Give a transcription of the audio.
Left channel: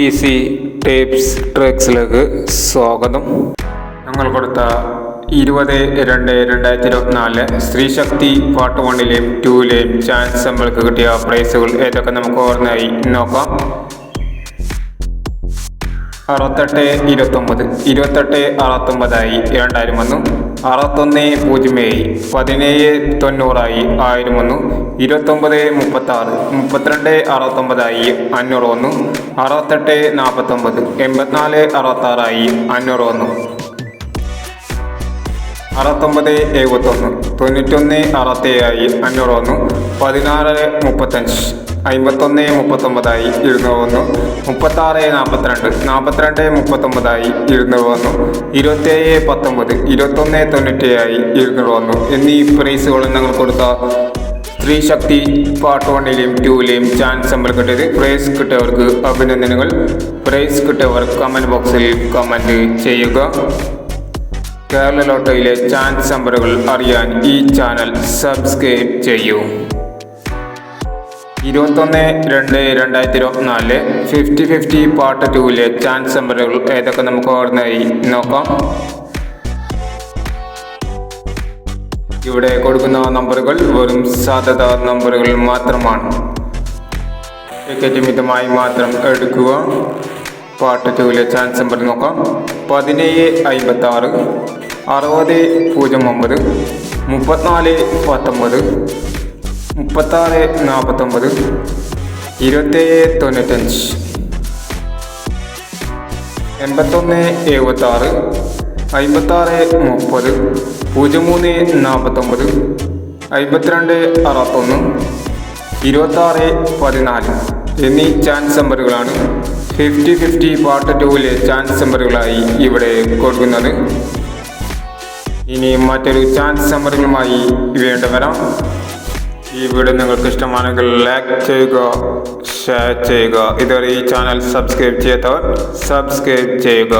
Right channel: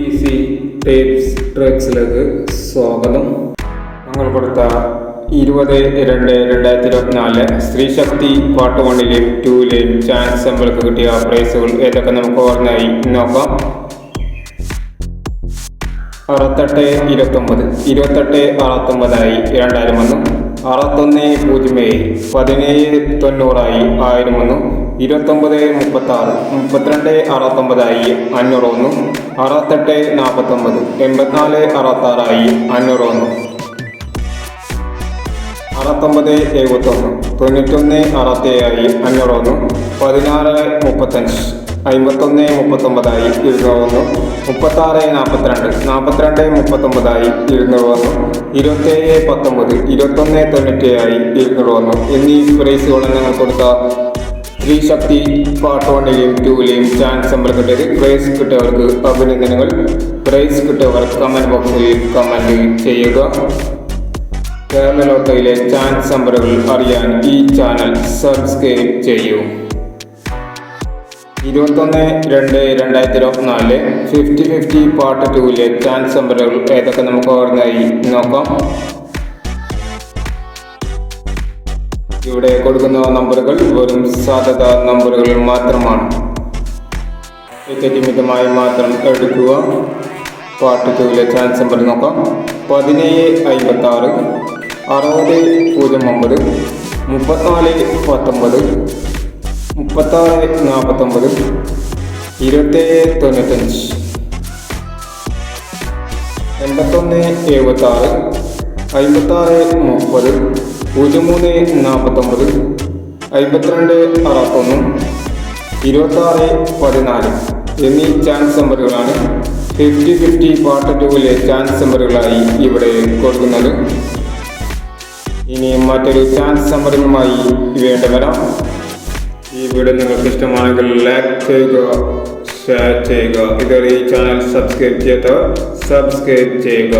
Easy tips ട്രിക്സിലേക്ക് സ്വാഗതം. ഞങ്ങൾ കൊടുത്ത 20/2/2024 സ്ത്രീശക്തി പാർട്ട് 1ലെയും 2ലെയും ചാൻസ് നമ്മൾക്ക് കിട്ടിയ പ്രൈസുകൾ ഏതൊക്കെ നമുക്ക് ഓർമ്മയായി നോക്കാം. 68-29 28-69 2000 വന്നു. 61-0 17-90 1000 വന്നു. 29-36 32-69 500 വന്നു. 68-49 84-66 500 വന്നു. 69-71 91-67 500 വന്നു. 16-35 51-39 200 വന്നു. 36-42 42-39 200 വന്നു. 27-19 21-97 200 വന്നു എന്നീ പ്രൈസുകൾ നിങ്ങൾ കൊടുത്ത സ്ത്രീശക്തി പാർട്ട് 1ലെയും 2ലെയും ചാൻസ് നമ്പർ കിട്ടിയത്. പ്രൈസ് കിട്ടിയവർക്ക് അഭിനന്ദനങ്ങൾ. പ്രൈസ് കിട്ടിയവർ കമന്റ് ബോക്സിൽ കമന്റ് ചെയ്യുക. കേരള ലോട്ടറിയിലെ ചാൻസ് നമ്പറുകൾ അറിയാൻ ഈ ചാനൽ സബ്സ്ക്രൈബ് ചെയ്യൂ. 21/2/2024 50-50 പാർട്ട് 2ലെ ചാൻസ് നമ്പറുകൾ ഏതൊക്കെ നമുക്ക് ഓർമ്മയായി നോക്കാം. ഇവിടെ കൊടുക്കുന്ന നമ്പറുകൾ വെറും സാധ്യത നമ്പറുകൾ മാത്രമാണ്. ടിക്കറ്റ് മിതമായി മാത്രം എടുക്കുക. പാർട്ട് 2ലെ ചാൻസ് നമ്പർ നോക്കാം. 17-56 60-09 34-19 36-49 27-95 81-76 56-30 03-49 52-61 26-14 എന്നീ ചാൻസ് നമ്പറുകളാണ് 50-50 പാർട്ട് 2ലെ ചാൻസ് നമ്പറുകളായി ഇവിടെ കൊടുക്കുന്നത്. ഇനി മറ്റൊരു ചാൻസ് നമ്പറുകളുമായി വീണ്ടും വരാം. ഈ വീഡിയോ നിങ്ങൾക്ക് ഇഷ്ടമാണെങ്കിൽ ലൈക്ക് ചെയ്യുക, ഷെയർ ചെയ്യുക. ഇതുവരെ ഈ ചാനൽ സബ്സ്ക്രൈബ് ചെയ്യാത്തവർ സബ്സ്ക്രൈബ് ചെയ്യുക.